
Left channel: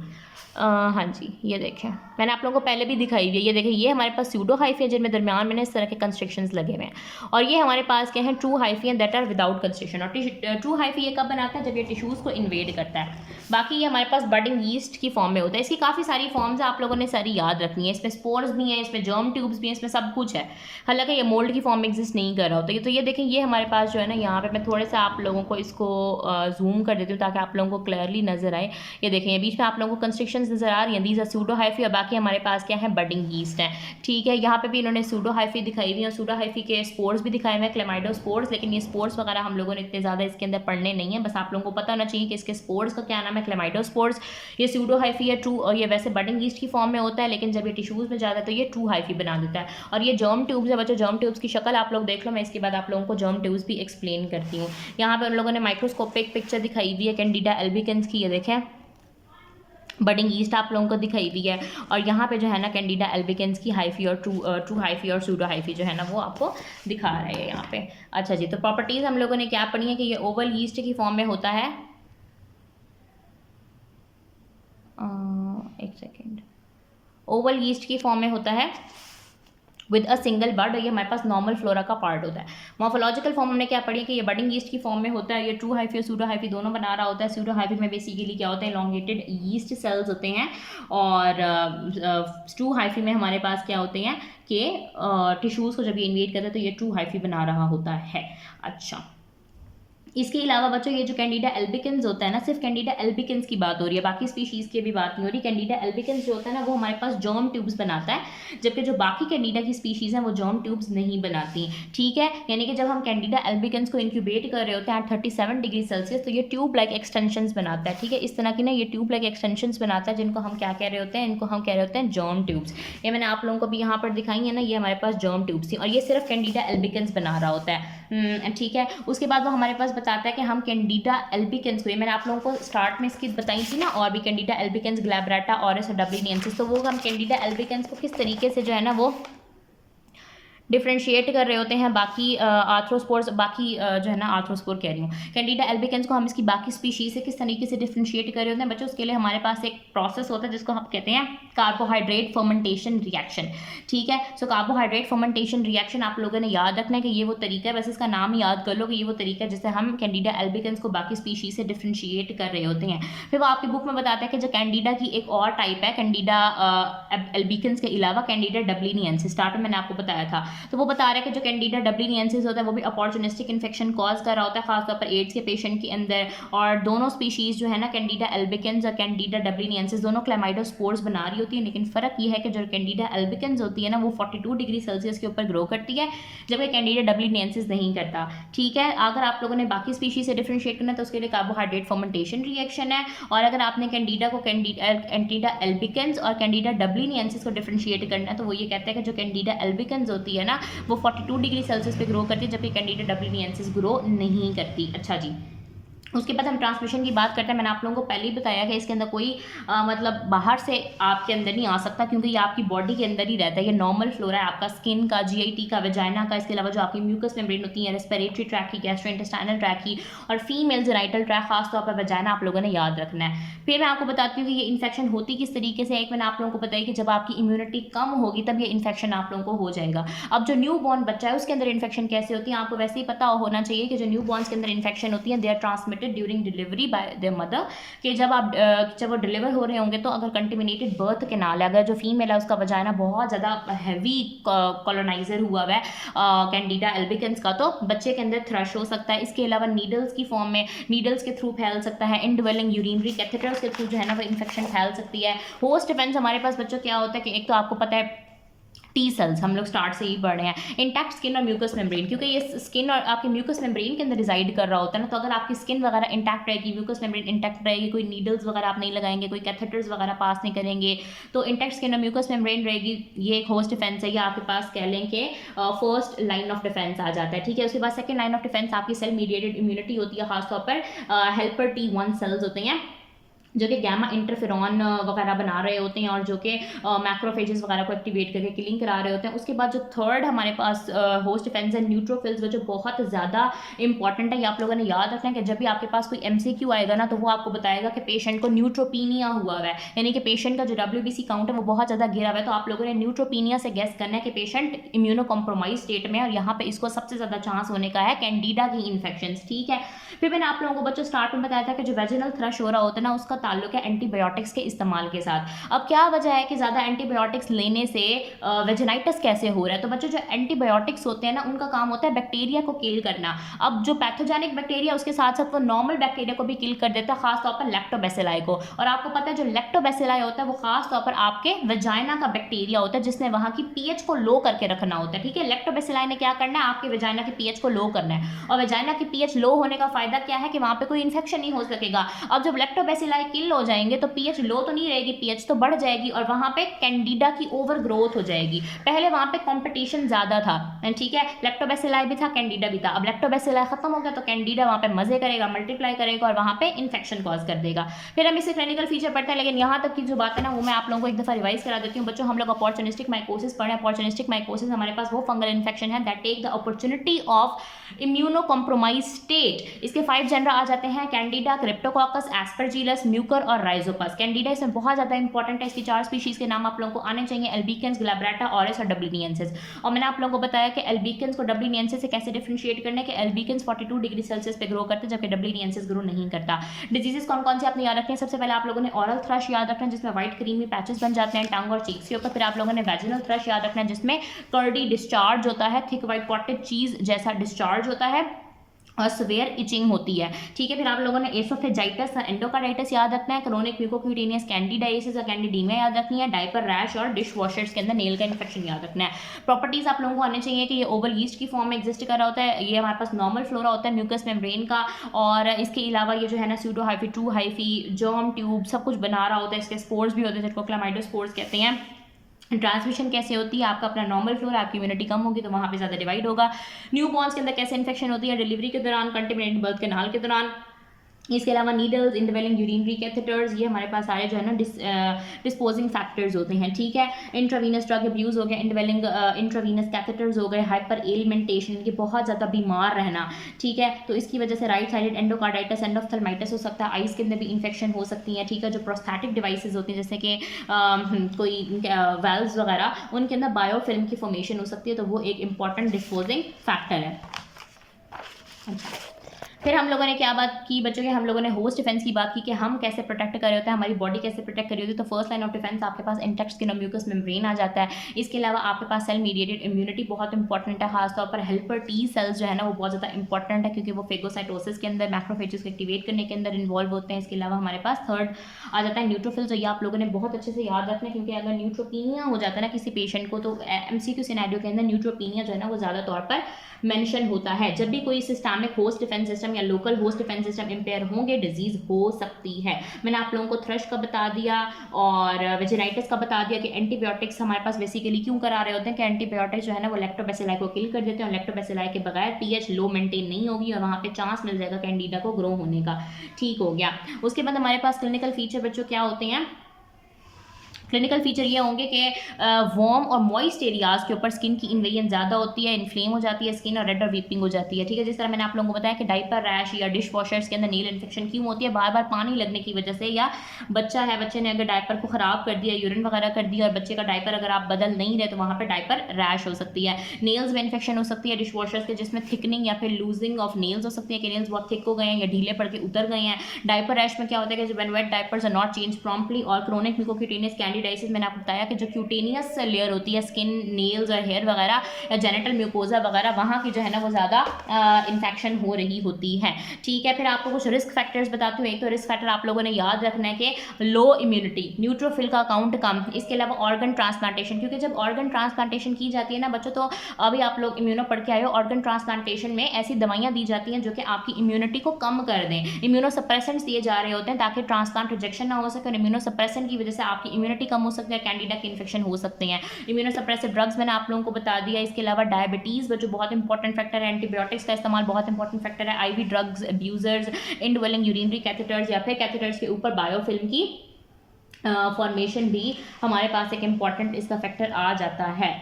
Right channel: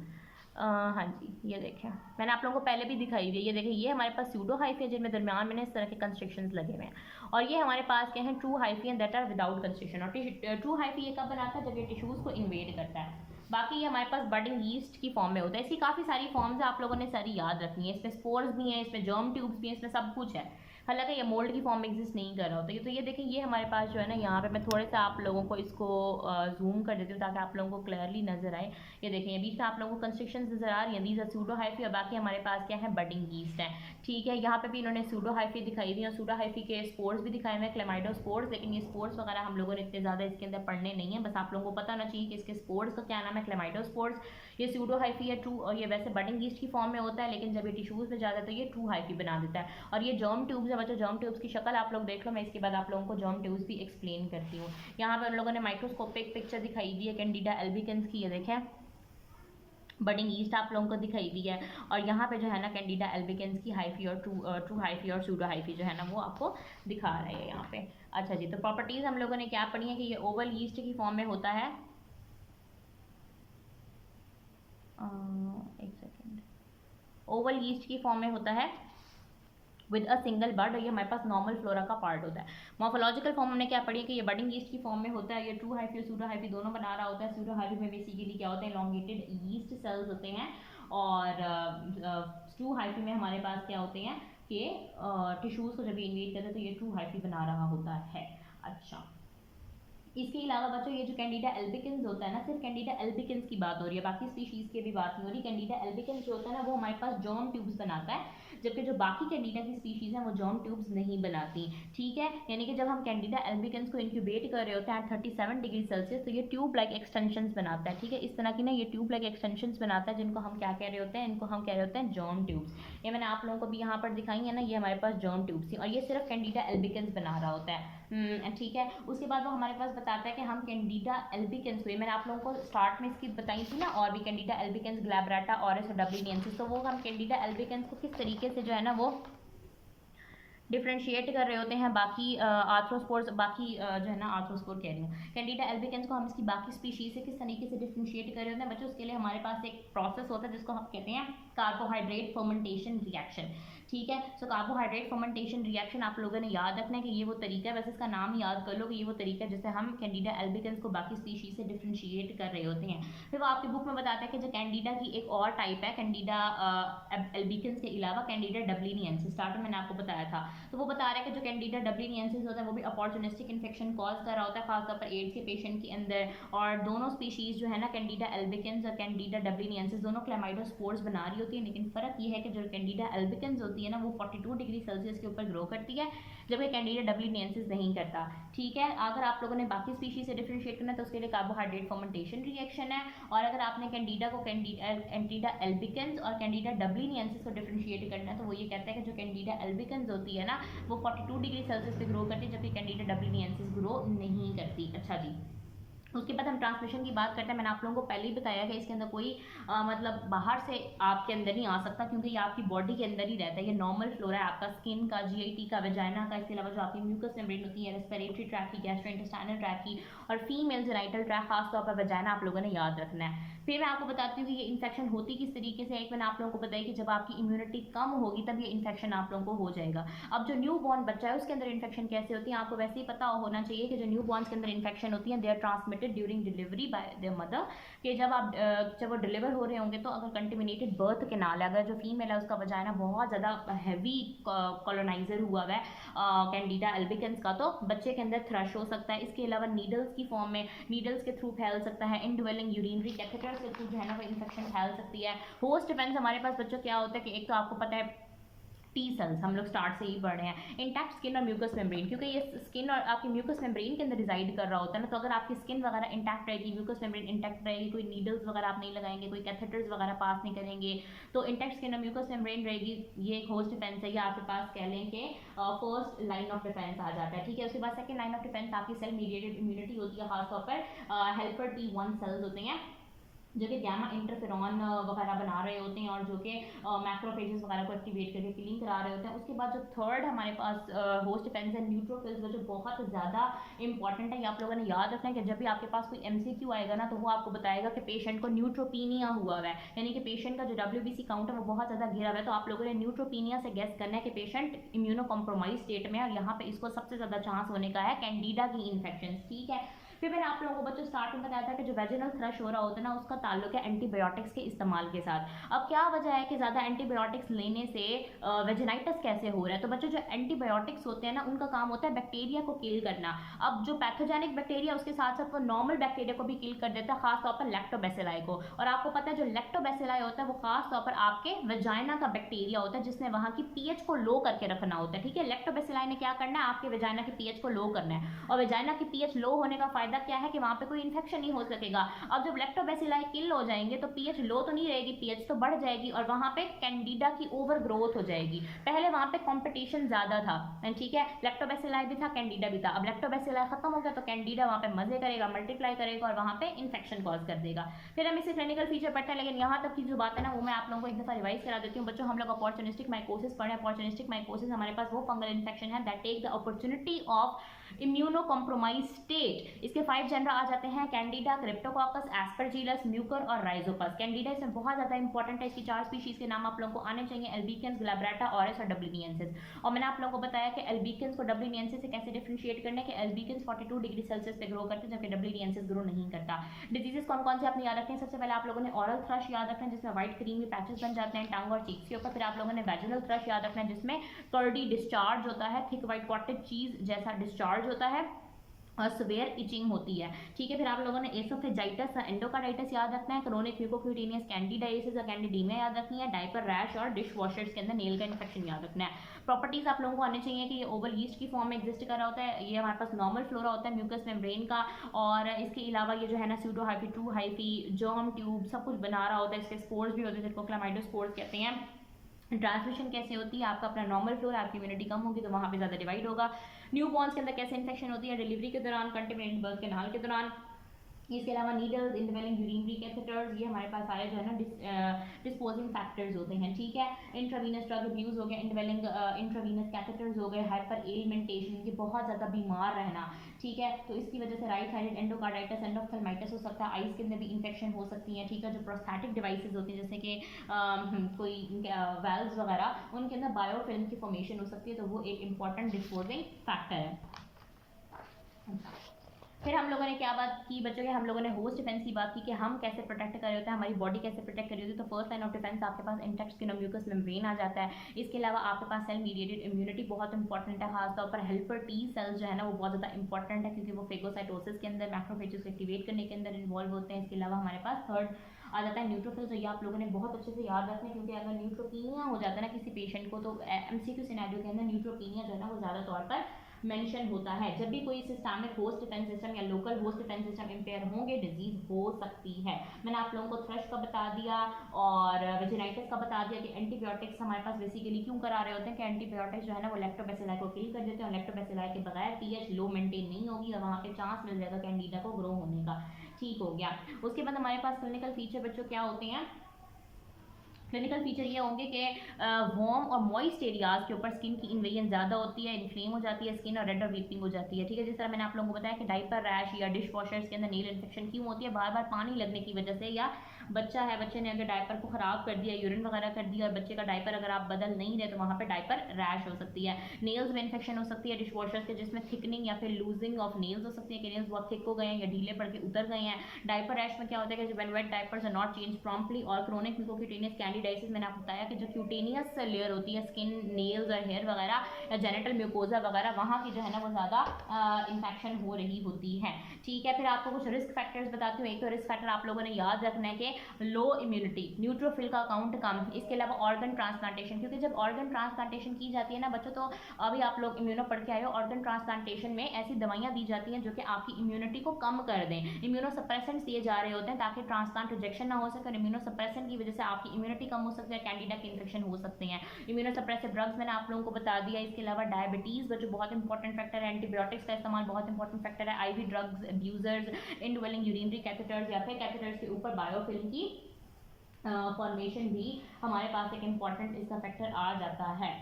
हाँ जी, ये देखें, मैंने आप लोगों को पहले भी दिखाई हुई है, ये देखें, ये हमारे पास स्यूडो हाइफी है जिनमें दरमियान में इस तरह के कंस्ट्रिक्शंस लगे हुए हैं, और ये हमारे पास क्या है, true hyphae and that are without constriction. और ट्रू हाइफी ये कब बनाता है, जब ये टिश्यूज़ को इन्वेड करता है। बाकी ये हमारे पास बडिंग यीस्ट की फॉर्म में होता है। इसकी काफ़ी सारी फॉर्म्स है, आप लोगों ने सारी याद रखनी है। इसमें स्पोर्स भी हैं, इसमें जर्म ट्यूब्स भी हैं, इसमें सब कुछ है। हालांकि ये मोल्ड की फॉर्म में एग्जिस्ट नहीं कर रहा होता। तो ये देखें, ये हमारे पास जो है ना, यहाँ पे मैं थोड़े से आप लोगों को इसको जूम कर देती हूँ ताकि आप लोगों को क्लियरली नजर आए। ये देखें, ये बीच में आप लोगों को कंस्ट्रिक्शंस नजर आ रही हैं, दीज आर स्यूडो हाइफी, और बाकी हमारे पास क्या है, बडिंग यीस्ट है। ठीक है, यहाँ पे भी इन्होंने स्यूडो हाइफी दिखाई हुई है, स्यूडो हाइफी के स्पोर्स भी दिखाए हुए हैं, क्लेमाइडोस्पोर्स, लेकिन ये स्पोर्स वगैरह हम लोगों ने इतने ज़्यादा इसके अंदर पढ़ने नहीं है, बस आप लोगों को पता होना चाहिए कि इसके स्पोर्स का क्या नाम है, क्लेमाइडोस्पोर्स। ये स्यूडो हाइफी है ट्रू, और ये वैसे बडिंग यीस्ट की फॉर्म में होता है, लेकिन जब ये टिश्यूज़ में जाता है तो ये ट्रू हाइफी बना देता है। और ये जर्म ट्यूब्स है बच्चों, जर्म ट्यूब्स की शक्ल आप लोग देख लो, मैं इसके बाद आप लोगों को जर्म ट्यूब्स भी एक्सप्लेन करती हूँ। यहाँ पे उन लोगों ने माइक्रोस्कोपिक पिक्चर दिखाई हुई है कैंडिडा एल्बिकेंस की, ये देखें, बडिंग ईस्ट आप लोगों को दिखाई हुई है, और यहाँ पे जो है ना कैंडिडा एल्बिकेंस की हाइफी और ट्रू हाइफी और सूडो हाइफी जो है ना वो आपको दिखा रहा है यहाँ पे। अच्छा जी, तो प्रॉपर्टीज़ हम लोगों ने क्या पढ़ी है कि ये ओवल यीस्ट की फॉर्म में होता है, एक सेकेंड, ओवल यीस्ट की फॉर्म में होता है विद अ सिंगल बड, ये हमारे पास नॉर्मल फ्लोरा का पार्ट होता है। मॉर्फोलॉजिकल फॉर्म हमने क्या पढ़ी है कि ये बडिंग यीस्ट की फॉर्म में होता है, ये ट्रू हाइफी और सूडो हाइफी दोनों बना रहा होता है। सूडो हाइफी में बेसिकली क्या होता है, elongated यीस्ट सेल्स होते हैं, और ट्रू हाइफी में हमारे पास क्या होते हैं कि टिश्यूज़ को जब ये इन्वेट करते हैं तो ये ट्रू हाइफी बना रहा होता है। अच्छा, इसके अलावा बच्चों ये जो कैंडिडा एल्बिकेंस होता है ना, सिर्फ कैंडिडा एल्बिकेंस की बात हो रही है, बाकी स्पीशीज़ की भी बात नहीं हो रही। कैंडिडा एल्बिकेंस जो होता है ना वो हमारे पास जर्म ट्यूब्स बनाता है, जबकि जो बाकी कैंडिडा की स्पीशीज़ हैं वो जर्म ट्यूब्स नहीं बनाती। ठीक है, यानी कि जब हम कैंडिडा एल्बिकेंस को इंक्यूबेट कर रहे होते हैं 37 डिग्री सेल्सियस, तो ये ट्यूब लाइक एक्सटेंशंस बनाता है। ठीक है, इस तरह की ना ये ट्यूब लाइक एक्सटेंशंस बनाता है, जिनको हम क्या कह रहे होते हैं, इनको हम कह रहे होते हैं जर्म ट्यूब्स। ये मैंने आप लोगों को भी यहाँ पर दिखाई है ना, ये हमारे पास जर्म ट्यूब्स थी, और ये सिर्फ कैंडिडा एल्बिकेंस बना रहा होता है। ठीक है, उसके बाद वो हमारे पास बताता है कि हम कैंडिडा एल्बिकेंस को, ये मैंने आप लोगों को स्टार्ट में इसकी बताई थी ना, और भी कैंडिडा एल्बिकेंस, ग्लैब्रेटा, ऑरिस और डब्लिनियंसिस, तो वो हम कैंडिडा एल्बिकेंस को किस तरीके से जो है ना वो डिफ्रेंशिएट कर रहे होते हैं बाकी आर्थ्रोस्पोर्स, बाकी जो है ना आर्थ्रोस्पोर कह रही हूँ, कैंडिडा एल्बिकेंस को हम इसकी बाकी स्पीशीज से किस तरीके से डिफ्रेंशिएट कर रहे होते हैं बच्चों। उसके लिए हमारे पास एक प्रोसेस होता है जिसको हम कहते हैं कार्बोहाइड्रेट फर्मेंटेशन रिएक्शन। ठीक है, सो कार्बोहाइड्रेट फर्मेंटेशन रिएक्शन आप लोगों ने याद रखना है कि ये वो तरीका है, बस इसका नाम याद कर लो कि ये वो तरीका है जिससे हम कैंडिडा एल्बिकेंस को बाकी स्पीशीज से डिफ्रेंशिएट कर रहे होते हैं। फिर वो आपकी बुक में बताता है कि जो कैंडिडा की एक और टाइप है कैंडिडा एल्बिकेंस के अलावा, कैंडिडा डब्लिनियंसिस, स्टार्ट में मैंने आपको बताया था। तो वो बता रहा है कि जो कैंडिडा डब्ल्यूनियंसिस होता है वो भी अपॉर्चुनिस्टिक इन्फेक्शन कॉज कर रहा होता है खासतौर पर एड्स के पेशेंट के अंदर। और दोनों स्पीशीज़ जो है ना कैंडिडा एल्बिकेंस और कैंडिडा डब्ल्यूनियंसिस दोनों क्लेमाइडोस्पोर्स बना रही होती है, लेकिन फ़र्क ये है कि जो कैंडिडा एल्बिकेंस होती है ना वो 42 डिग्री सेल्सियस के ऊपर ग्रो करती है, जबकि कैंडिडा डब्ल्यूनियंसिस नहीं करता। ठीक है, अगर आप लोगों ने बाकी स्पीशीज से डिफ्रेंशिएट करना है तो उसके लिए कार्बोहाइड्रेट फर्मेंटेशन रिएक्शन है, और अगर आपने कैंडिडा को कैंडिडा एल्बिकेंस और कैंडिडा डब्ल्यूनियंसिस को डिफ्रेंशिएट करना है तो वो ये कहता है कि जो कैंडिडा एल्बिकेंस होती है ना वो 42 डिग्री सेल्सियस पे ग्रो करती है, जबकि कैंडिडा डब्ल्यूनियंसिस ग्रो नहीं करती। अच्छा जी, उसके बाद हम ट्रांसमिशन की बात करते हैं। मैंने आप लोगों को पहले ही बताया कि इसके अंदर कोई मतलब बाहर से आपके अंदर नहीं आ सकता, क्योंकि ये आपकी बॉडी के अंदर ही रहता है। ये नॉर्मल फ्लोरा है आपका स्किन का, जीआईटी का, वेजाइना का, इसके अलावा जो आपकी म्यूकस मेम्ब्रेन होती है, रेस्पिरेटरी ट्रैक की, गैस्ट्रोइंटेस्टाइनल ट्रैक की, और फीमेल जेनाइटल ट्रैक खासतौर पर वेजाइना आप लोगों ने याद रखना है। फिर मैं आपको बताती हूँ कि ये इन्फेक्शन होती किस तरीके से। एक मैंने आप लोगों को बताया कि जब आपकी इम्यूनिटी कम होगी तब ये इन्फेक्शन आप लोगों को हो जाएगा। अब जो न्यू बॉर्न बच्चा है उसके अंदर इन्फेक्शन कैसे होती है आपको वैसे ही पता होना चाहिए कि जो न्यू बॉर्न्स के अंदर इन्फेक्शन होती है they are transmitted during delivery by their mother, कि जब वो डिलीवर हो रहे होंगे तो अगर कंटेमिनेटेड बर्थ कैनाल है, अगर जो फीमेल है उसका वजाइना बहुत ज़्यादा हैवी कॉलोनाइजर हुआ है कैंडिडा एल्बिकेंस का, तो बच्चे के अंदर थ्रश हो सकता है। इसके अलावा नीडल्स की फॉर्म में, नीडल्स के थ्रू फैल सकता है, इनड्वेलिंग यूरिनरी कैथेटर्स के थ्रू जो है ना वो इन्फेक्शन फैल सकती है। होस्ट डिफेंस हमारे पास बच्चों क्या होता है कि एक तो आपको पता है टी सेल्स, हम लोग स्टार्ट से ही पढ़ रहे हैं, इंटैक्ट स्किन और म्यूकस मेम्ब्रेन, क्योंकि ये स्किन और आपके म्यूकस मेम्ब्रेन के अंदर रिजाइड कर रहा होता है ना, तो अगर आपकी स्किन वगैरह इंटैक्ट रहेगी, म्यूकस मेम्ब्रेन इंटैक्ट रहेगी, कोई नीडल्स वगैरह आप नहीं लगाएंगे, कोई कैथेटर्स वगैरह पास नहीं करेंगे, तो इंटैक्ट स्किन और म्यूकस मेम्ब्रेन रहेगी। ये एक होस्ट डिफेंस है, या आपके पास कह लें कि फर्स्ट लाइन ऑफ डिफेंस आ जाता है। ठीक है, उसके बाद सेकंड लाइन ऑफ डिफेंस आपकी सेल मीडिएटेड इम्यूनिटी होती है, खासतौर पर हेल्पर T1 सेल्स होते हैं जो कि गैमा इंटरफेरॉन वगैरह बना रहे होते हैं और जो कि मैक्रोफेजेस वगैरह को एक्टिवेट करके किलिंग करा रहे होते हैं। उसके बाद जो थर्ड हमारे पास होस्ट डिफेंस है न्यूट्रोफिल्स, जो बहुत ज़्यादा इंपॉर्टेंट है। ये आप लोगों ने याद रखना है कि जब भी आपके पास कोई MCQ आएगा ना तो वो आपको बताएगा कि पेशेंट को न्यूट्रोपीनिया हुआ है, यानी कि पेशेंट का जो WBC काउंट है वो बहुत ज़्यादा गिरा हुआ है। तो आप लोगों ने न्यूट्रोपीनिया से गेस करना है कि पेशेंट इम्यूनो कॉम्प्रोमाइज स्टेट में है, और यहाँ पे इसको सबसे ज़्यादा चांस होने का है कैंडिडा की इन्फेक्शन। ठीक है, फिर मैंने आप लोगों को बच्चों स्टार्ट में बताया था कि जो वेजिनल थ्रश हो रहा होता है ना उसका ताल्लुक है एंटीबायोटिक्स के इस्तेमाल के साथ। अब क्या वजह है कि ज़्यादा एंटीबायोटिक्स लेने से वेजिनाइटिस कैसे हो रहा है, तो बच्चों जो एंटीबायोटिक्स होते हैं ना उनका काम होता है बैक्टीरिया को किल करना। अब जो पैथोजेनिक बैक्टीरिया उसके साथ साथ वो नॉर्मल बैक्टीरिया को भी किल कर देता है, खासतौर पर लैक्टोबैसिलाई को। और आपको पता है जो लैक्टोबैसिलाई होता है वो खासतौर पर आपके वेजाइना का बैक्टीरिया होता है जिसने वहाँ की pH को लो करके रखना होता है। ठीक है, लैक्टोबैसिलाई ने क्या करना है, आपके वेजाइना की pH को लो करना है, और वेजाइना की pH लो होने का फायदा क्या है कि वहाँ पे कोई इन्फेक्शन नहीं हो सकेगा। अब जब लैक्टोबैसिलाई किल हो जाएंगे तो pH लो तो नहीं रहेगी, pH तो बढ़ जाएगी, और वहाँ पे कैंडिडा की ओवर ग्रोथ हो जाएगी। पहले वहाँ पे कंपटीशन ज़्यादा था, ठीक है, लैक्टोबैसिलाई भी था, कैंडिडा भी था। अब लैक्टोबैसिलाई खत्म हो गया तो कैंडिडा वहाँ पे मजे करेगा, मल्टीप्लाई करेगा और वहाँ पे इन्फेक्शन कॉज कर देगा। फिर हम इससे क्लिनिकल फीचर पढ़ते हैं, लेकिन यहाँ तक की जो बात है ना वो मैं आप लोगों को एक दफ़ा रिवाइज करा देती हूँ। बच्चों हम लोग अपॉर्चुनिस्टिक माइकोसिस पढ़े। अपॉर्चुनिस्टिक माइकोसिस हमारे पास वो फंगल इन्फेक्शन है that take the opportunity of immuno compromise state. इसके 5 जेनरा आ जाते हैं, कैंडिडा, क्रिप्टोकोकस, एस्परजिलस, म्यूकर और राइजोपस। कैंडिडा इसमें बहुत ज़्यादा इंपॉर्टेंट है, इसकी 4 स्पीशीज़ के नाम आप लोगों को आने चाहिए, एल्बिकेंस, ग्लैब्रेटा, ऑरिस और डब्लिनियंसिस। और मैंने आप लोगों को बताया कि एल्बिकेंस को डब्लिनियंसिस से कैसे डिफरेंशिएट करना है कि एल्बिकेंस 42 डिग्री सेल्सियस पे ग्रो करते हैं जबकि डब्लिनियंसिस ग्रो नहीं करता। डिजीजेस कौन कौन से आपने याद रखे हैं, सबसे पहले आप लोगों ने ऑरल थ्रश याद रखना है जिसमें व्हाइट क्रीमी पैचेस बन जाते हैं टंग और चीक्स के ऊपर। फिर आप लोगों ने वैजिनल थ्रश याद रखना है जिसमें कर्डी डिस्चार्ज होता है, थिक व्हाइट कॉटेज चीज जैसा डिस्चार्ज होता है और सवेयर इचिंग होती है। ठीक है, फिर आप लोगों ने एसोफेजाइटिस और एंडोकार्डाइटिस याद रखना है, क्रोनिक म्यूकोक्यूटेनियस कैंडिडाइसिस और कैंडिडीमिया याद रखनी है, डायपर रैश और डिश वॉशर्स के अंदर नेल का इन्फेक्शन याद रखना है। प्रॉपर्टीज आप लोगों को आने चाहिए कि ये ओवल यीस्ट की फॉर्म में एग्जिस्ट कर रहा होता है, ये हमारे पास नॉर्मल फ्लोरा होता है म्यूकस मेम्ब्रेन का, और इसके अलावा ये जो है ना pseudo hyphae, true hyphae, germ tube सब कुछ बना रहा होता है। इसके स्पोर्स भी होते हैं जिनको क्लामाइडोस्पोर्स कहते हैं। ट्रांसमिशन कैसे होती है, आपका अपना नॉर्मल फ्लोर, आपकी इम्यूनिटी कम होगी तो वहाँ पे ज़्यादा डिवाइड होगा। न्यू बॉर्न्स के अंदर कैसे इन्फेक्शन होती है, डिलीवरी के दौरान, कंटिनेंट बर्थ कैनाल के दौरान। इसके अलावा नीडल्स, इंडवेलिंग यूरिनरी कैथेटर्स, ये हमारे पास सारे जो है ना डिस्पोजिंग फैक्टर्स होते हैं। ठीक है, इंट्रावीनस ड्रग अब्यूज़ हो गया, इंडवेलिंग इंट्रावीनस कैथेटर्स हो गए, हाइपर एलिमेंटेशन, ये बहुत ज़्यादा बीमार रहना। ठीक है, तो इसकी वजह से राइट साइडेड एंडोकार्डाइटिस, एंडोफ्थल्माइटिस हो सकता है, आइज़ के अंदर भी इन्फेक्शन हो सकती हैं। ठीक है, जो प्रोस्थेटिक डिवाइसेज होती हैं जैसे कि कोई वेल्व्स वगैरह, उनके अंदर बायोफिल्म की फॉर्मेशन हो सकती है, तो वो एक इंपॉर्टेंट डिस्पोजिंग फैक्टर है। अच्छा, फिर हम लोगों ने क्या बात की बच्चों के, हम लोगों ने होस्ट डिफेंस की बात की कि हम कैसे प्रोटेक्ट कर रहे होते हैं, हमारी बॉडी कैसे प्रोटेक्ट कर रही होती है। तो फर्स्ट लाइन ऑफ डिफेंस आपके पास इंटैक्ट स्किन और म्यूकस मेम्ब्रेन आ जाता है। इसके अलावा आपके पास सेल मीडिएटेड इम्यूनिटी बहुत इंपॉर्टेंट है, खासतौर पर हेल्पर टी सेल्स जो है ना वो बहुत ज़्यादा इंपॉर्टेंट है, क्योंकि वो फेगोसाइटोसिस के अंदर मैक्रोफेजेस को एक्टिवेट करने के अंदर इन्वॉल्व होते हैं। इसके अलावा हमारे पास थर्ड आ जाता है न्यूट्रोफिल्स, ये आप लोगों ने बहुत अच्छे से याद रखना है, क्योंकि अगर न्यूट्रोपीनिया हो जाता है ना किसी पेशेंट को, तो एमसीक्यू सिनेरियो के अंदर न्यूट्रोपीनिया जो है ना वो ज़्यादा तौर पर मेंशन होता है। जब भी कोई सिस्टमिक होस्ट डिफेंस सिस्टम या local host defence system empire होंगे, डिजीज हो सकती है। मैंने आप लोगों को थ्रश का बता दिया और वेजिनाइटिस का बता दिया कि एंटीबायोटिक्स हमारे पास बेसिकली क्यों करा रहे होते हैं, कि एंटीबायोटिक्स जो है ना वो लैक्टोबैसिलाई को किल कर देते हैं, और लैक्टोबैसिलाई के बगैर पीएच लो मेंटेन नहीं होगी और वहाँ पे चांस मिल जाएगा कैंडिडा को ग्रो होने का। ठीक हो गया। उसके बाद हमारे पास क्लिनिकल फीचर बच्चों क्या होते हैं, क्लिनिकल फीचर ये होंगे कि वार्म और मॉइस्ट एरियाज के ऊपर स्किन की इन्वेजन ज़्यादा होती है, इन्फ्लेम हो जाती है स्किन और रेड और वीपिंग हो जाती है। ठीक है, जिस तरह मैंने आप लोगों को बताया कि डाइपर रैश या डिश वॉशर्स के अंदर नील इन्फेक्शन क्यों होती है, बार बार पानी लगने की वजह से, या बच्चा है, बच्चे ने अगर डायपर को ख़राब कर दिया, यूरिन वगैरह कर दिया और बच्चे का डायपर अगर आप बदल नहीं रहे तो वहाँ पर डायपर रैश हो सकती है। नेल्स में इन्फेक्शन हो सकती है डिश वॉशर्स के, जिसमें थिकनिंग या फिर लूजिंग ऑफ नेल्स हो सकती है कि नेल्स बहुत थिक हो गए हैं या ढीले पड़ के उतर गए हैं। डायपर रैश में क्या होता है कि when wet diapers are not change promptly, और क्रोनिक म्यूकोक्यूटेनियस कैंडिडाइसिस मैंने आपको बताया कि जो क्यूटेनियस लेयर होती है स्किन, नेल्स और हेयर वगैरह या जेनिटल म्यूकोजा वगैरह, वहाँ की जो है ना वो ज़्यादा इन्फेक्शन हो रही होती है। ठीक है, फिर आपको कुछ रिस्क फैक्टर्स बताती हूँ। एक तो रिस्क फैक्टर आप लोगों ने याद रखना है कि लो इम्यूनिटी, न्यूट्रोफिल का काउंट कम, इसके अलावा ऑर्गन ट्रांसप्लांटेशन, क्योंकि जब ऑर्गन ट्रांसप्लांटेशन की जाती है ना बच्चों, तो अभी आप लोग इम्यूनो पढ़ के आए हो, ऑर्गन ट्रांसप्लांटेशन में ऐसी दवाइयाँ दी जाती हैं जो कि आपकी इम्यूनिटी को कम कर दें। इम्यूनो सप्रेसेंट्स दिए जा रहे होते हैं ताकि ट्रांसप्लांट रिजेक्शन ना हो सके, और इम्यूनो सप्रेसेंट की वजह से आपकी इम्यूनिटी कम हो सकती है, कैंडिडा के इन्फेक्शन हो सकते हैं। इम्यूनोसप्रेसिव ड्रग्स मैंने आप लोगों को बता दिया। इसके अलावा डायबिटीज़ जो बहुत इंपॉर्टेंट फैक्टर है, एंटीबायोटिक्स का इस्तेमाल बहुत इंपॉर्टेंट फैक्टर है, IV drugs abusers, indwelling urinary catheters या फिर कैथेटर्स के ऊपर बायोफिल्म की फॉर्मेशन भी हमारे पास एक इंपॉर्टेंट इसका फैक्टर आ जाता है।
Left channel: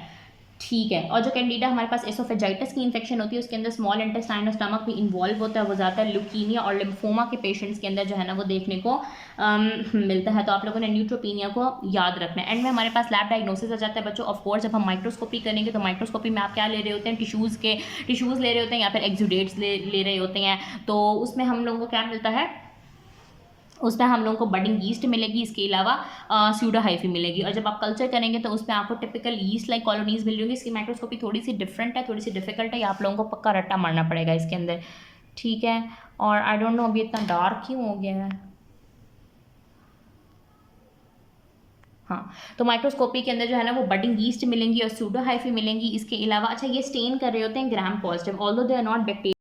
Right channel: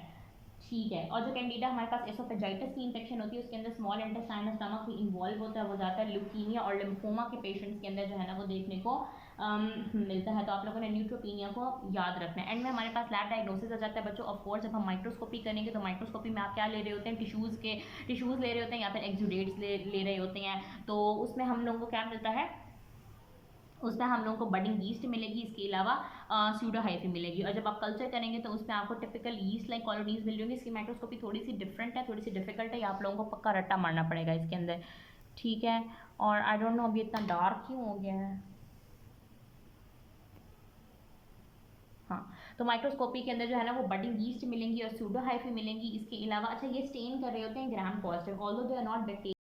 ठीक है, और जो कैंडिडा हमारे पास एसोफेजाइटिस की इन्फेक्शन होती है उसके अंदर स्मॉल इंटेस्टाइन और स्टमक भी इन्वॉल्व होता है, वो ज़्यादातर ल्यूकीमिया और लिम्फोमा के पेशेंट्स के अंदर जो है ना वो देखने को मिलता है। तो आप लोगों ने न्यूट्रोपीनिया को याद रखना है। एंड में हमारे पास लैब डायग्नोसिस आ जाता है बच्चों। ऑफ कोर्स जब हम माइक्रोस्कोपी करेंगे तो माइक्रोस्कोपी में आप क्या ले रहे होते हैं, टिश्यूज़ ले रहे होते हैं या फिर एक्सुडेट्स ले रहे होते हैं। तो उसमें हम लोगों को क्या मिलता है, उसमें हम लोगों को बडिंग यीस्ट मिलेगी, इसके अलावा स्यूडो हाइफी मिलेगी। और जब आप कल्चर करेंगे तो उसमें आपको टिपिकल यीस्ट लाइक कॉलोनीज मिल रही होंगी। इसकी माइक्रोस्कोपी थोड़ी सी डिफरेंट है, थोड़ी सी डिफिकल्ट है, ये आप लोगों को पक्का रट्टा मारना पड़ेगा इसके अंदर। ठीक है, और आई डोंट नो अभी इतना डार्क क्यों हो गया है। हाँ, तो माइक्रोस्कोपी के अंदर जो है ना वो बडिंग यीस्ट मिलेंगी और स्यूडो हाइफी मिलेंगी। इसके अलावा अच्छा ये स्टेन कर रहे होते हैं Gram positive, although they are not bacteria.